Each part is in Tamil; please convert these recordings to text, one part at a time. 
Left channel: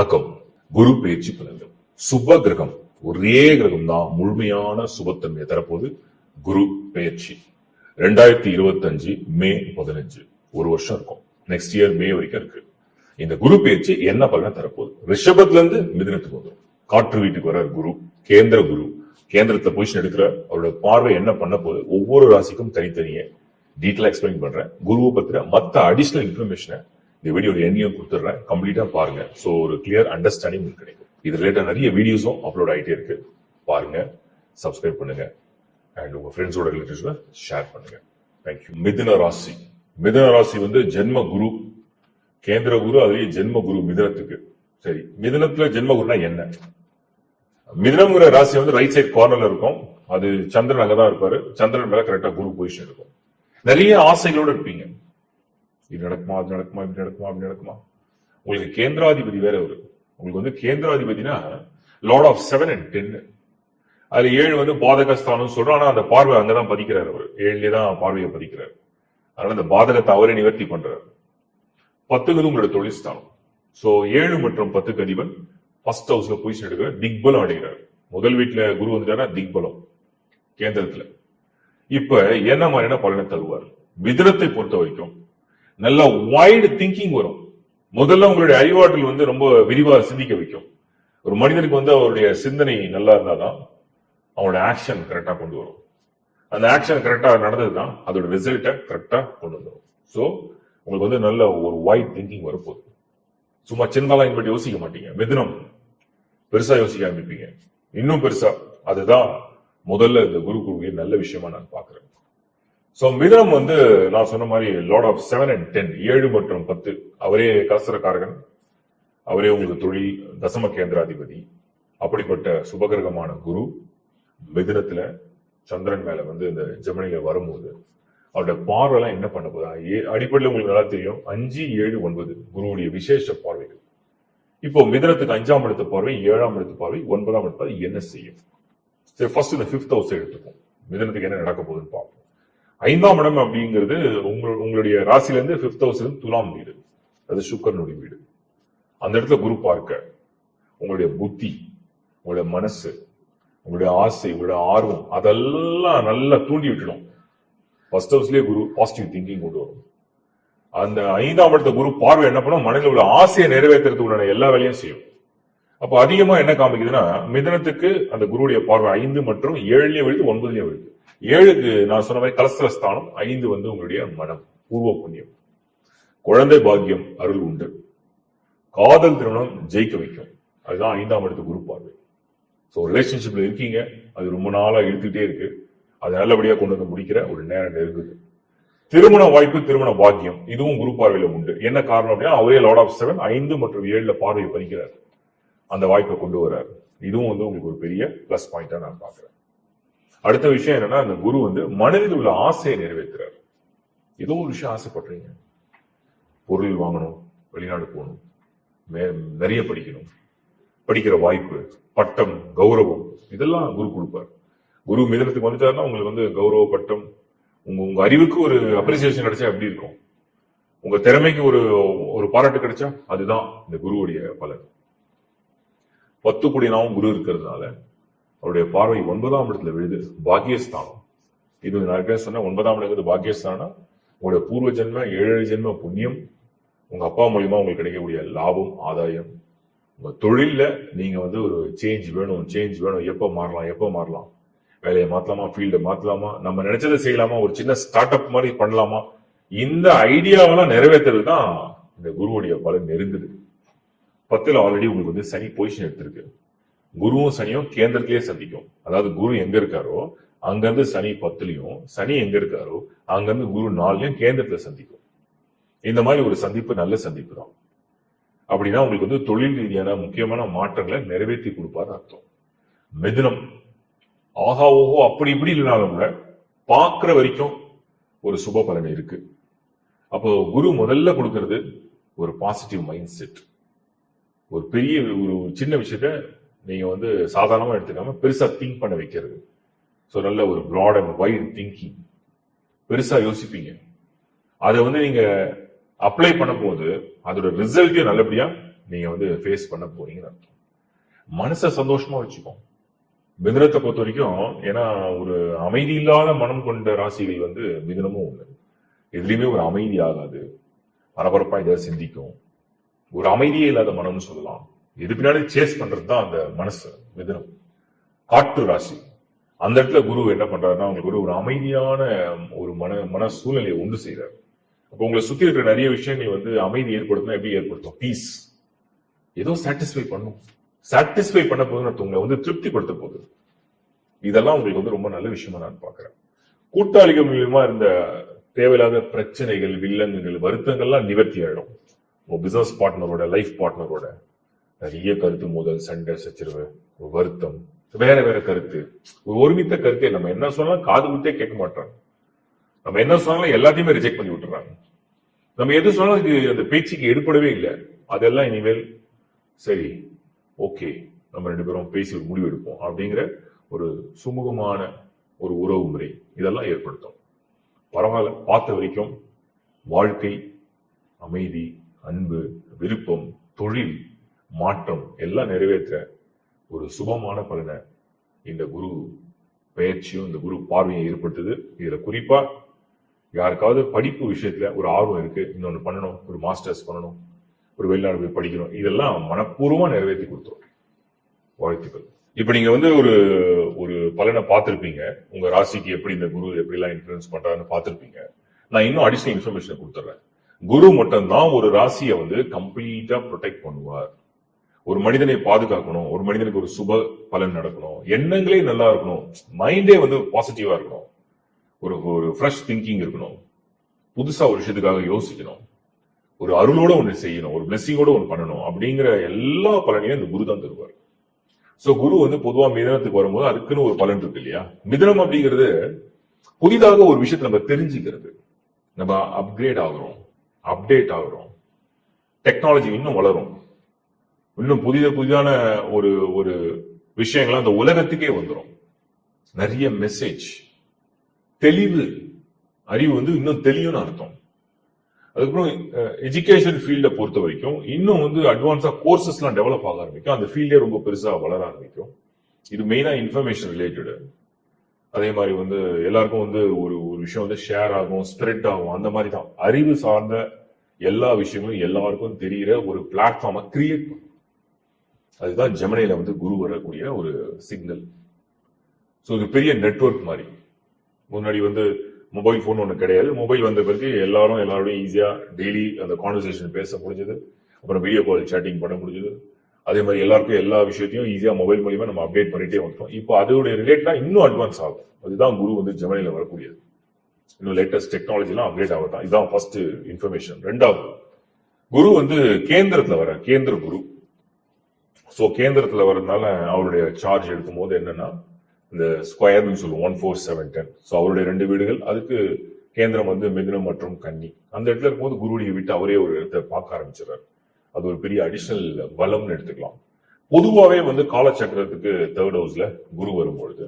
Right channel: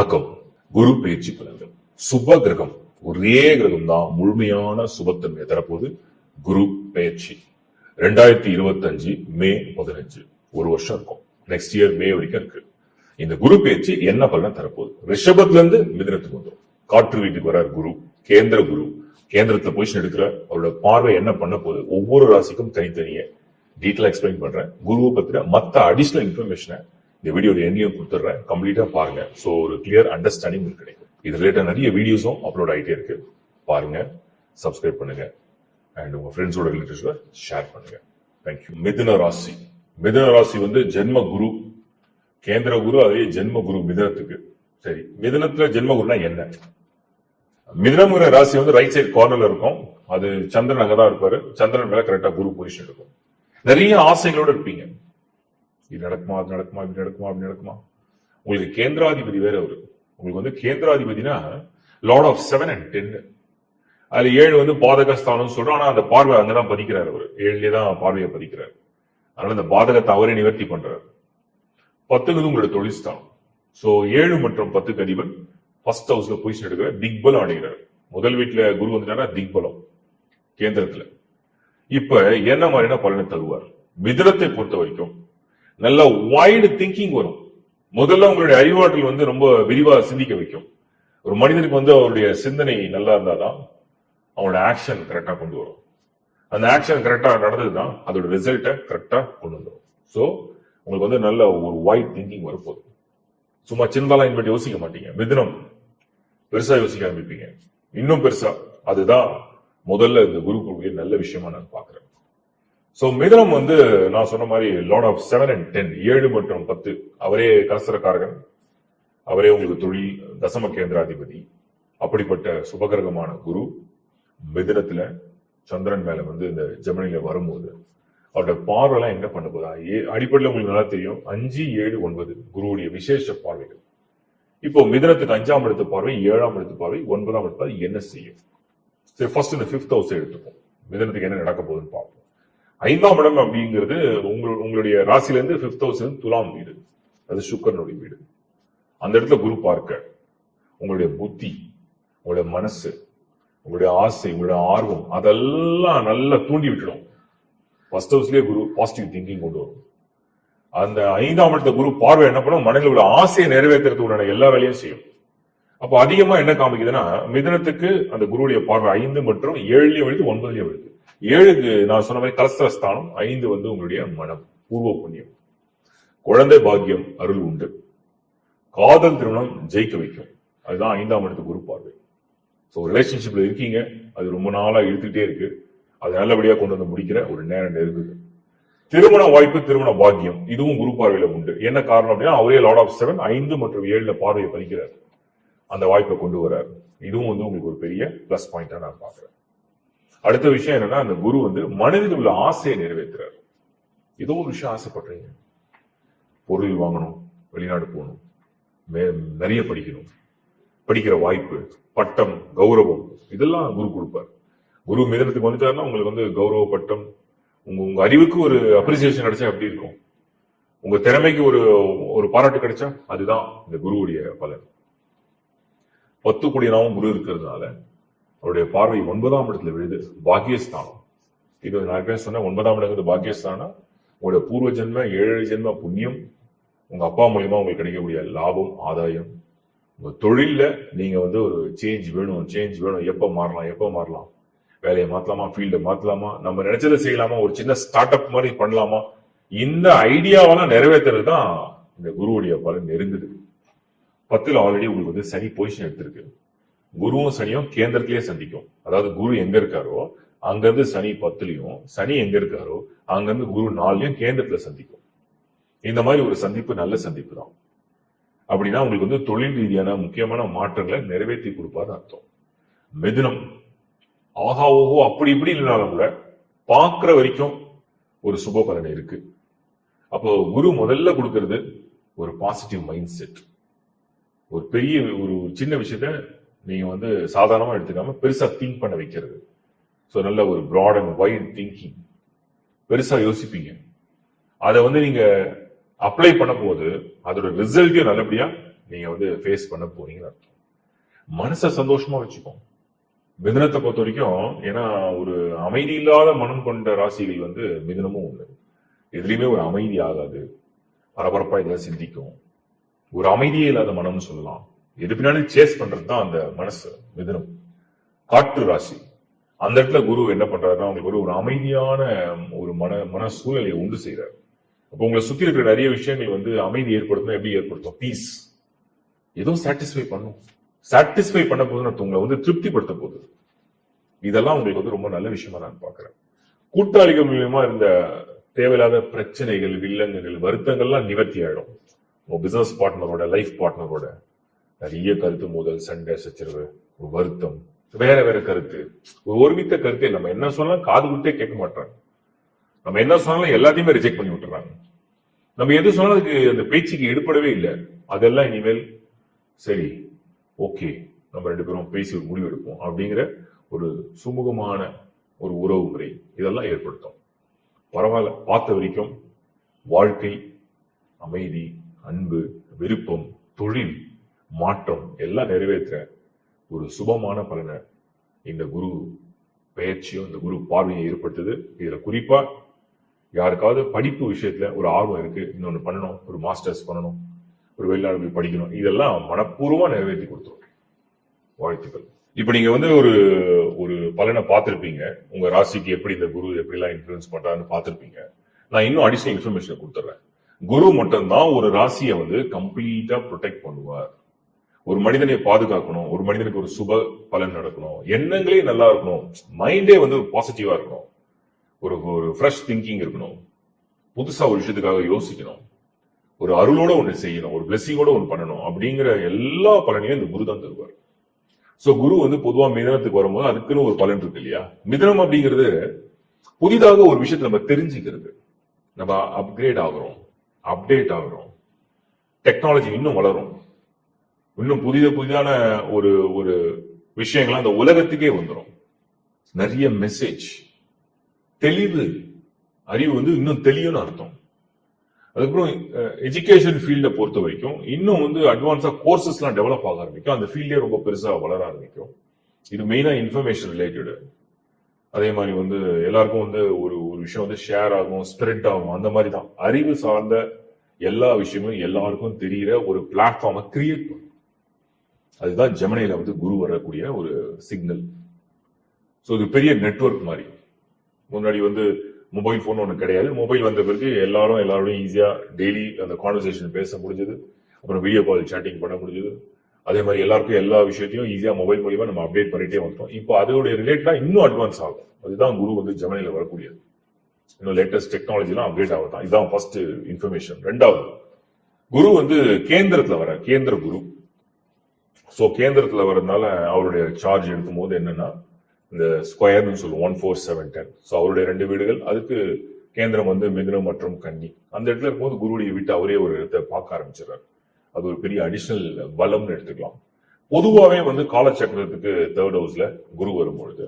வணக்கம். குரு பயிற்சி பலன்கள். சுப கிரகம் ஒரே கிரகம் தான் முழுமையான சுபத்தன்மையை தரப்போது. குரு பயிற்சி 2025 மே 15 ஒரு வருஷம் இருக்கும். நெக்ஸ்ட் இயர் மே வரைக்கும் இருக்கு. இந்த குரு பயிற்சி என்ன பலனை தரப்போகுது? ரிஷபத்துல இருந்து மிதுனத்துக்கு வந்துடும். காற்று வீட்டுக்கு வர குரு, கேந்திர குரு, கேந்திரத்தை பொசிஷன் எடுக்கிற அவரோட பார்வை என்ன பண்ண போகுது, ஒவ்வொரு ராசிக்கும் தனித்தனியே டீட்டெயிலா எக்ஸ்பிளைன் பண்றேன். குருவை பத்தின மற்ற அடிஷனல் இன்ஃபர்மேஷனை இந்த வீடியோ எண்ணியும் கொடுத்துட்றேன். கம்ப்ளீட்டா பாருங்க. ஸோ ஒரு கிளியர் அண்டர்ஸ்டாண்டிங் கிடைக்கும். இது ரிலேட்டட் நிறைய வீடியோஸும் அப்லோட் ஆகிட்டே இருக்கு. பாருங்க, சப்ஸ்கிரைப் பண்ணுங்க அண்ட் உங்க ஃப்ரெண்ட்ஸோட ரிலேட்டிவ்ஸ்ல ஷேர் பண்ணுங்க. தேங்க்யூ. மிதுன ராசி. மிதுன ராசி ஜென்ம குரு, கேந்திர குரு, அதுவே ஜென்ம குரு மிதுனத்துக்கு. சரி, மிதுனத்துல ஜென்ம குருனா என்ன? மிதுனம்ங்கிற ராசி ரைட் சைட் கார்னர்ல இருக்கும். அது சந்திரன் அங்கதான் இருப்பாரு. சந்திரன் மேல கரெக்டா குரு பொசிஷன் இருக்கும். நிறைய ஆசைகளோட இருப்பீங்க. இது நடக்குமா, அது நடக்குமா, இப்படி நடக்குமா, அப்படி நடக்குமா. உங்களுக்கு கேந்திராதிபதி வேற அவரு. உங்களுக்கு கேந்திராதிபதினா லார்ட் ஆஃப் 7 and 10. அது 7 பாதகஸ்தானம் சொல்றோம். ஆனா அந்த பார்வை அங்கதான் பதிக்கிறார். அவர் 7லயே தான் பார்வையை பதிக்கிறார். அதனால அந்த பாதகத்தை அவரே நிவர்த்தி பண்றாரு. 10 உங்களோட தொழில் ஸ்தானம். சோ 7 மற்றும் 10 அதிபன் ஃபர்ஸ்ட் ஹவுஸ்ல பொசிஷன் எடுக்கிற திக்பலம் அடைகிறார். முதல் வீட்டுல குரு வந்துட்டானா திக்பலம் கேந்திரத்துல. இப்ப என்ன மாதிரியான பலனை தருவார்? மிதுனத்தை பொறுத்த வரைக்கும் நல்ல வைடு திங்கிங் வரும். முதல்ல உங்களுடைய அறிவாற்றல் ரொம்ப விரிவா சிந்திக்க வைக்கும். ஒரு மனிதனுக்கு அவருடைய சிந்தனை நல்லா இருந்தாதான் அவனோட ஆக்ஷன் கரெக்டா கொண்டு வரும். அந்த ஆக்ஷன் கரெக்டா நடந்ததுதான் அதோட ரிசல்ட்டை கரெக்டா கொண்டு வரும். சோ உங்களுக்கு நல்ல ஒரு வைட் திங்கிங் வரப்போகுது. சும்மா சின்னதாலாம் பற்றி யோசிக்க மாட்டீங்க. மிதுனம் பெருசா யோசிக்க ஆரம்பிப்பீங்க. இன்னும் பெருசா. அதுதான் முதல்ல இந்த குரு குருவிய நல்ல விஷயமா நான் பாக்குறேன். சோ மிதுனம் நான் சொன்ன மாதிரி லார்ட் ஆஃப் 7 and 10, 7 மற்றும் 10. அவரே கலசரக்காரகன், அவரே உங்களுக்கு தொழில் தசம கேந்திராதிபதி. அப்படிப்பட்ட சுபகிரகமான குரு மிதுனத்துல சந்திரன் மேல இந்த ஜெமினில வரும்போது அவருடைய பார்வைலாம் என்ன பண்ண போதா? அடிப்படையில் உங்களுக்கு நல்லா தெரியும். 5, 7, 9 குருவுடைய விசேஷ பார்வைகள். இப்போ மிதுனத்துக்கு 5ஆம் இடத்து பார்வை, 7ஆம் இடத்து பார்வை, 9ஆம் இடத்து பார்வை என்ன செய்யும்? சரி, ஃபர்ஸ்ட் இந்த 5th ஹவுஸ் எடுத்துப்போம். மிதுனத்துக்கு என்ன நடக்க போகுதுன்னு பார்ப்போம். 5ஆம் இடம் அப்படிங்கிறது உங்களுடைய ராசில இருந்து 5th ஹவுஸ் துலாம் வீடு. அது சுக்கிரனுடைய வீடு. அந்த இடத்துல குரு பார்க்க உங்களுடைய புத்தி, உங்களுடைய மனசு, உங்களுடைய ஆசை, உங்களுடைய ஆர்வம் அதெல்லாம் நல்லா தூண்டி விட்டுடும். ஃபர்ஸ்ட் ஹவுஸ்லயே குரு பாசிட்டிவ் திங்கிங் கொண்டு வரும். அந்த 5ஆம் இடத்த குரு பார்வை என்ன பண்ணும்? மனதில் உள்ள ஆசையை நிறைவேற்றுறதுக்கான எல்லா வேலையும் செய்யும். அப்ப அதிகமா என்ன காமிக்குதுன்னா, மிதுனத்துக்கு அந்த குருவுடைய பார்வை 5 மற்றும் 7லயே விழுது, 9லயே விழுது. 7க்கு நான் சொன்ன மாதிரி கலஸ்திரஸ்தானம். 5 உங்களுடைய மனம், பூர்வ புண்ணியம், குழந்தை பாக்கியம், அருள் உண்டு, காதல் திருமணம் ஜெயிக்க வைக்கும். அதுதான் 5ஆம் இடத்து குரு பார்வை. சோ ரிலேஷன்ஷிப்ல இருக்கீங்க, அது ரொம்ப நாளா இழுத்துட்டே இருக்கு, அது நல்லபடியா கொண்டு முடிக்கிற ஒரு நேரம் நெருங்குது. திருமண வாய்ப்பு, திருமண பாக்கியம், இதுவும் குரு பார்வையில உண்டு. என்ன காரணம் அப்படின்னா, அவரே லார்ட் ஆஃப் 7, 5 மற்றும் 7ல பார்வையை பதிக்கிறார். அந்த வாய்ப்பை கொண்டு வர்றாரு. இதுவும் உங்களுக்கு ஒரு பெரிய பிளஸ் பாயிண்டா நான் பாக்குறேன். அடுத்த விஷயம் என்னன்னா, அந்த குரு மனதில் உள்ள ஆசையை நிறைவேற்றுறாரு. ஏதோ ஒரு விஷயம் ஆசைப்படுறீங்க, பொருள் வாங்கணும், வெளிநாடு போகணும், நிறைய படிக்கணும், படிக்கிற வாய்ப்பு, பட்டம், கௌரவம், இதெல்லாம் குரு கொடுப்பார். குரு மிதனத்துக்கு வந்துட்டாருன்னா உங்களுக்கு கௌரவ, பட்டம், உங்க அறிவுக்கு ஒரு அப்ரிசியேஷன் கிடைச்சா எப்படி இருக்கும், உங்க திறமைக்கு ஒரு பாராட்டு கிடைச்சா, அதுதான் இந்த குருவுடைய பலன். 10 கூடியனாவும் குரு இருக்கிறதுனால அவருடைய பார்வை 9ஆம் இடத்துல விழுது, பாக்கியஸ்தானம். இது நான் சொன்ன 9ஆம் இடங்கிறது பாக்கியஸ்தானம். உங்களுடைய பூர்வ ஜென்ம 7 ஜென்ம புண்ணியம், உங்க அப்பா மூலியமா உங்களுக்கு கிடைக்கக்கூடிய லாபம், ஆதாயம், உங்க தொழில நீங்க ஒரு சேஞ்ச் வேணும், எப்ப மாறலாம், வேலையை மாத்தலாமா, ஃபீல்டு மாத்தலாமா, நம்ம நினைச்சதை செய்யலாமா, ஒரு சின்ன ஸ்டார்ட் அப் மாதிரி பண்ணலாமா, இந்த ஐடியாவெல்லாம் நிறைவேற்றுறது தான் இந்த குருவுடைய பலன் நெருங்குது. 10ல் ஆல்ரெடி உங்களுக்கு சனி பொசிஷன் எடுத்திருக்கு. குருவும் சனியும் கேந்திரத்திலேயே சந்திக்கும். அதாவது குரு எங்க இருக்காரோ அங்கிருந்து சனி 10லயும், சனி எங்க இருக்காரோ அங்கிருந்து குரு 4லயும் கேந்திரத்துல சந்திக்கும். இந்த மாதிரி ஒரு சந்திப்பு நல்ல சந்திப்பு தான். அப்படின்னா உங்களுக்கு தொழில் ரீதியான முக்கியமான மாற்றங்களை நிறைவேற்றி கொடுப்பாரு அர்த்தம். மிதுனம் ஆகா ஓஹோ அப்படி இப்படி இல்லைனாலும் கூட பாக்குற வரைக்கும் ஒரு சுப பலன் இருக்கு. அப்போ குரு முதல்ல கொடுக்கிறது ஒரு பாசிட்டிவ் மைண்ட் செட். ஒரு பெரிய ஒரு சின்ன விஷயத்த நீங்க சாதாரணமா எடுத்துக்காம பெருசா திங்க் பண்ண வைக்கிறது. சோ நல்ல ஒரு பிராட் அண்ட் வைட் திங்கிங், பெருசா யோசிப்பீங்க. அதை நீங்க அப்ளை பண்ணும் போது அதோட ரிசல்ட்டையும் நல்லபடியா நீங்க வந்து ஃபேஸ் பண்ண போறீங்கன்னு அர்த்தம். மனசை சந்தோஷமா வச்சுக்கோங்க. மிதுனத்தை பொறுத்த வரைக்கும், ஏன்னா ஒரு அமைதி இல்லாத மனம் கொண்ட ராசிகள் வந்து மிதுனமும் ஒண்ணு. எதுலையுமே ஒரு அமைதி ஆகாது, பரபரப்பா ஏதாவது சிந்திக்கும், ஒரு அமைதியே இல்லாத மனம்னு சொல்லலாம். எது பின்னாடி சேஸ் பண்றது தான் அந்த மனசு. மிதுனம் காற்று ராசி. அந்த இடத்துல குரு என்ன பண்றாருன்னா, உங்களுக்கு ஒரு அமைதியான ஒரு மன சூழ்நிலையை உண்டு செய்யறாரு. அப்போ உங்களை சுத்தி இருக்கிற நிறைய விஷயங்கள் வந்து அமைதி ஏற்படுத்தும். எப்படி ஏற்படுத்தும்? பீஸ். ஏதோ சாட்டிஸ்ஃபை பண்ணும். சாட்டிஸ்ஃபை பண்ண போது உங்களை வந்து திருப்திப்படுத்த போகுது. இதெல்லாம் உங்களுக்கு வந்து ரொம்ப நல்ல விஷயமா நான் பாக்குறேன். கூட்டாளிகள் மூலியமா இருந்த தேவையில்லாத பிரச்சனைகள், வில்லங்கங்கள், வருத்தங்கள்லாம் நிவர்த்தி ஆயிடும். உங்க பிசினஸ் பார்ட்னரோட, லைஃப் பார்ட்னரோட நிறைய கருத்து மோதல், சண்டை, சச்சரவு, வருத்தம், வேற வேற கருத்து, ஒரு ஒருமித்த கருத்தை நம்ம என்ன சொன்னாலும் காது கொடுத்தே கேட்க மாட்டாங்க. நம்ம என்ன சொன்னாலும் எல்லாத்தையுமே ரிஜெக்ட் பண்ணி விட்டுறாங்க. நம்ம எது சொன்னாலும் அதுக்கு அந்த பேச்சுக்கு எடுப்படவே இல்லை. அதெல்லாம் இனிமேல் சரி, ஓகே, நம்ம 2 பேரும் பேசி ஒரு முடிவு எடுப்போம் அப்படிங்கிற ஒரு சுமூகமான ஒரு உறவு முறை இதெல்லாம் ஏற்படுத்தும். பரவாயில்ல, பார்த்த வரைக்கும் வாழ்க்கை, அமைதி, அன்பு, விருப்பம், தொழில், மாற்றம் எல்லாம் நிறைவேற்ற ஒரு சுபமான பலனை இந்த குரு பெயர்ச்சியும் இந்த குரு பார்வையை ஏற்படுத்துது. இதுல குறிப்பா யாருக்காவது படிப்பு விஷயத்துல ஒரு ஆர்வம் இருக்கு, இன்னொன்று பண்ணணும், ஒரு மாஸ்டர்ஸ் பண்ணணும், ஒரு வெளிநாடு போய் படிக்கணும், இதெல்லாம் மனப்பூர்வமா நிறைவேற்றி கொடுத்துரும். வாழ்த்துக்கள். இப்ப நீங்க வந்து ஒரு ஒரு பலனை பார்த்திருப்பீங்க. உங்க ராசிக்கு எப்படி இந்த குரு எப்படி எல்லாம் இன்ஃபுளுன்ஸ் பண்றாருன்னு பார்த்திருப்பீங்க. நான் இன்னும் அடிஷனல் இன்ஃபர்மேஷன் கொடுத்துறேன். குரு மட்டும்தான் ஒரு ராசியை வந்து கம்ப்ளீட்டா ப்ரொடெக்ட் பண்ணுவார். ஒரு மனிதனை பாதுகாக்கணும், ஒரு மனிதனுக்கு ஒரு சுப பலன் நடக்கணும், எண்ணங்களே நல்லா இருக்கணும், மைண்டே வந்து பாசிட்டிவா இருக்கணும், ஒரு ஃப்ரெஷ் திங்கிங் இருக்கணும், புதுசா ஒரு விஷயத்துக்காக யோசிக்கணும், ஒரு அருளோட ஒண்ணு செய்யணும், ஒரு பிளெஸிங்கோட ஒண்ணு பண்ணணும் அப்படிங்கிற எல்லா பலனையும் இந்த குரு தான் தருவார். சோ குரு வந்து பொதுவா மிதனத்துக்கு வரும்போது அதுக்குன்னு ஒரு பலன் இருக்கு இல்லையா? மிதனம் அப்படிங்கிறது புதிதாக ஒரு விஷயத்தை நம்ம தெரிஞ்சுக்கிறது, நம்ம அப்கிரேட் ஆகுறோம், அப்டேட் ஆகுறோம், டெக்னாலஜி இன்னும் வளரும், இன்னும் புதிதான ஒரு ஒரு விஷயங்கள் அந்த உலகத்துக்கே வந்துடும். நிறைய மெசேஜ், தெளிவு, அறிவு வந்து இன்னும் தெளிவுன்னு அர்த்தம். அதுக்கப்புறம் எஜுகேஷன் ஃபீல்டை பொறுத்த வரைக்கும் இன்னும் வந்து அட்வான்ஸா கோர்சஸ் எல்லாம் டெவலப் ஆக ஆரம்பிக்கும். அந்த ஃபீல்டே ரொம்ப பெருசா வளர ஆரம்பிக்கும். இது மெயினா இன்ஃபர்மேஷன் ரிலேட்டடு. அதே மாதிரி வந்து எல்லாருக்கும் வந்து ஒரு ஒரு விஷயம் வந்து ஷேர் ஆகும், ஸ்ப்ரெட் ஆகும். அந்த மாதிரி தான் அறிவு சார்ந்த எல்லா விஷயங்களும் எல்லாருக்கும் தெரிகிற ஒரு பிளாட்ஃபார்மை கிரியேட் பண்ணும். அதுதான் ஜெமினில வந்து குரு வரக்கூடிய ஒரு சிக்னல். ஸோ இது பெரிய நெட்வொர்க் மாதிரி. முன்னாடி வந்து மொபைல் போன் ஒன்று கிடையாது. மொபைல் வந்த பிறகு எல்லாரோடையும் ஈஸியா டெய்லி அந்த கான்வர்சேஷன் பேச முடிஞ்சது. அப்புறம் வீடியோ கால் சேட்டிங் பண்ண முடிஞ்சது. அதே மாதிரி எல்லாருக்கும் எல்லா விஷயத்தையும் ஈஸியா மொபைல் மூலியமா நம்ம அப்டேட் பண்ணிட்டே வந்துட்டோம். இப்போ அதோட ரிலேட்டடா இன்னும் அட்வான்ஸ் ஆகும். அதுதான் குரு வந்து ஜெமினில வரக்கூடியது. இன்னும் லேட்டஸ்ட் டெக்னாலஜி எல்லாம் அப்டேட் ஆகுதான். இதுதான் ஃபர்ஸ்ட் இன்ஃபர்மேஷன். ரெண்டாவது, குரு வந்து கேந்திரத்துல வர கேந்திர குரு. சோ கேந்திரத்துல வரதுனால அவருடைய சார்ஜ் எடுக்கும் போது என்னன்னா இந்த ஸ்கொயர்னு சொல்லுவோம் 14710. ஸோ அவருடைய 2 வீடுகள், அதுக்கு கேந்திரம் வந்து மிதுனம் மற்றும் கன்னி. அந்த இடத்துல இருக்கும்போது குருவுடைய வீட்டு அவரே ஒரு இடத்தை பார்க்க ஆரம்பிச்சிடறாரு. அது ஒரு பெரிய அடிஷனல் பலம்னு எடுத்துக்கலாம். பொதுவாகவே வந்து காலச்சக்கரத்துக்கு 3rd ஹவுஸ்ல குரு வரும்பொழுது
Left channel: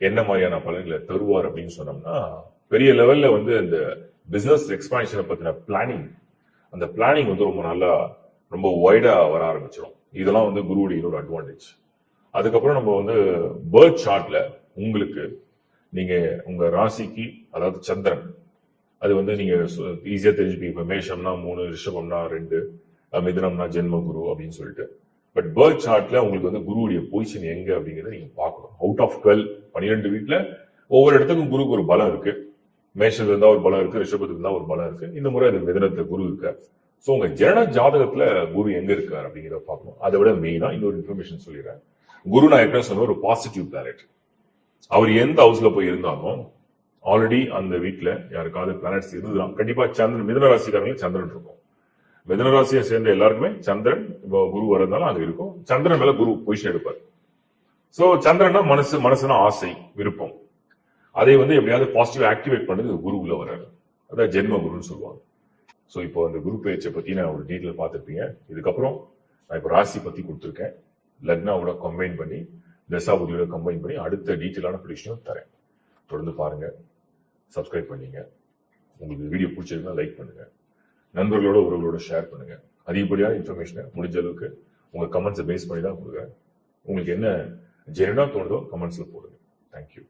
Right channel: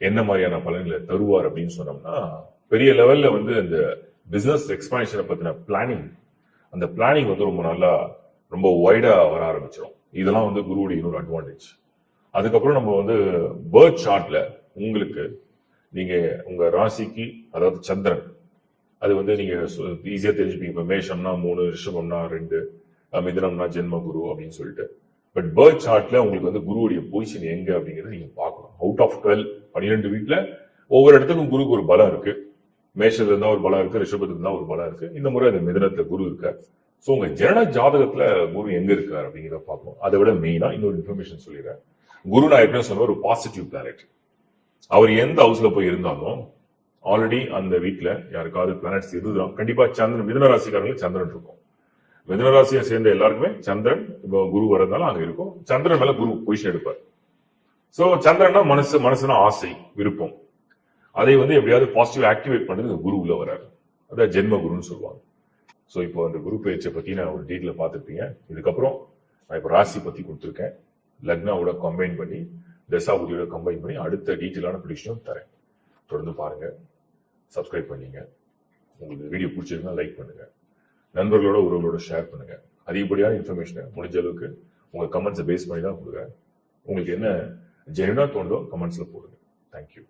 என்ன மாதிரியான பலன்களை தருவார் அப்படின்னு சொன்னோம்னா, பெரிய லெவல்ல வந்து இந்த பிசினஸ் எக்ஸ்பான்ஷனை பத்தின பிளானிங், அந்த பிளானிங் வந்து ரொம்ப நல்லா ரொம்ப வைடா வர ஆரம்பிச்சிடும். இதெல்லாம் வந்து குருவுடைய இன்னொரு அட்வான்டேஜ். அதுக்கப்புறம் நம்ம வந்து பேர்த் சார்ட்ல உங்களுக்கு நீங்க உங்க ராசிக்கு, அதாவது சந்திரன், அது வந்து நீங்க ஈஸியா தெரிஞ்சுப்பீங்க. இப்ப மேஷம்னா 3, ரிஷபம்னா 2, மிதுனம்னா ஜென்ம குரு அப்படின்னு சொல்லிட்டு. பட் பேர்த் சார்ட்ல உங்களுக்கு வந்து குருவுடைய பொசிஷன் எங்க அப்படிங்கறத நீங்க பார்க்கணும். அவுட் ஆஃப் 12 வீட்டுல ஒவ்வொரு இடத்துக்கும் குருக்கு ஒரு பலம் இருக்கு. மேஷத்துல இருந்தா ஒரு பலம் இருக்கு, ரிஷபத்துக்கு இருந்தா ஒரு பலம் இருக்கு. இந்த முறை இது மிதுனத்துல குரு இருக்கு. சோ உங்க ஜனன ஜாதகத்துல குரு எங்க இருக்காரு அப்படிங்கிறத பார்க்கணும். அதை விட மெயினா இன்னொரு இன்ஃபர்மேஷன் சொல்லிடுறேன். குரு நான் என்ன சொன்ன ஒரு பாசிட்டிவ் பிளானட். அவர் எந்த ஹவுஸ்ல போய் இருந்தாலும் ஆல்ரெடி அந்த வீட்டுல யாருக்காவது பிளானட்ஸ் இருந்தாலும் கண்டிப்பா சந்திரன், மிதுன ராசிக்காரங்களுக்கு சந்திரன் இருக்கும். மிதுன ராசியை சேர்ந்த எல்லாருக்குமே சந்திரன் இப்போ குரு வரதுனால அங்க இருக்கும். சந்திரன் மேல குரு பொசிஷன் எடுப்பார். சோ சந்திரனா மனசுனா ஆசை, விருப்பம். அதை வந்து எப்படியாவது பாசிட்டிவ் ஆக்டிவேட் பண்றது குரு உள்ள வராரு. அதான் ஜென்ம குருன்னு சொல்லுவாங்க. சோ இப்போ அந்த குரு பேச்சை பத்தி நான் ஒரு டீட்டெயில பார்த்திருப்பீங்க. இதுக்கப்புறம் நான் இப்போ ராசி பத்தி கொடுத்துருக்கேன். லக்னாவோட கம்பைன் பண்ணி, தசாபுதியோட கம்பைன் பண்ணி அடுத்த டீட்டெயிலான ப்ரெடிக்ஷனும் தரேன். தொடர்ந்து பாருங்க, சப்ஸ்கிரைப் பண்ணீங்க. உங்களுக்கு வீடியோ பிடிச்சிருந்தா லைக் பண்ணுங்க, நண்பர்களோட உறவுகளோட ஷேர் பண்ணுங்க. அதிகப்படியான இன்ஃபர்மேஷனை முடிஞ்ச அளவுக்கு உங்க கமெண்ட்ஸை பேஸ் பண்ணி தான் கொடுக்குறேன். உங்களுக்கு என்ன ஜெனுனா தோணுதோ கமெண்ட்ஸ்ல போடுங்க. தேங்க்யூ.